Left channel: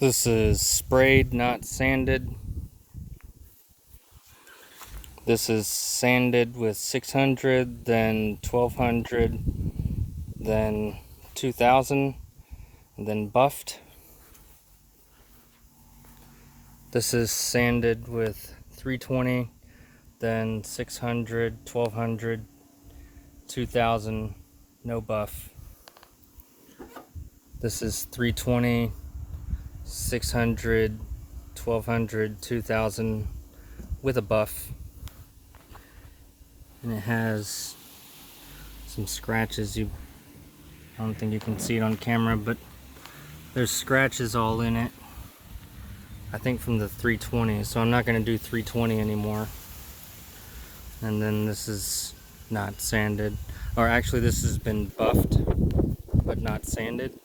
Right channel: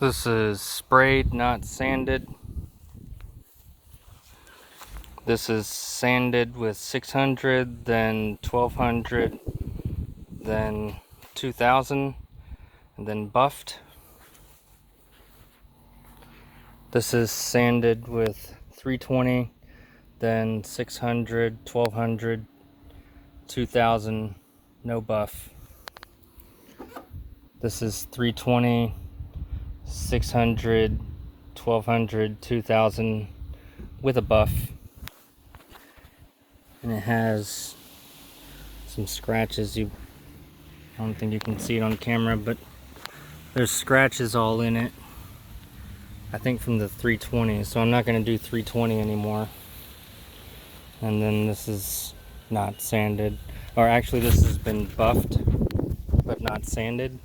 This is sprayed, not sanded. This is sanded with 600, then 1200, then 2000, and then buffed. This is sanded with 320, then 600, 1200, 2000, no buff. This is 320, 600, 1200, 2000 with a buff. And it has some scratches. I don't think you can see it on camera, but there's scratches all in it. I think from the 320, so I'm not going to do 320 anymore. And then this is not sanded, or actually this has been buffed but not sanded.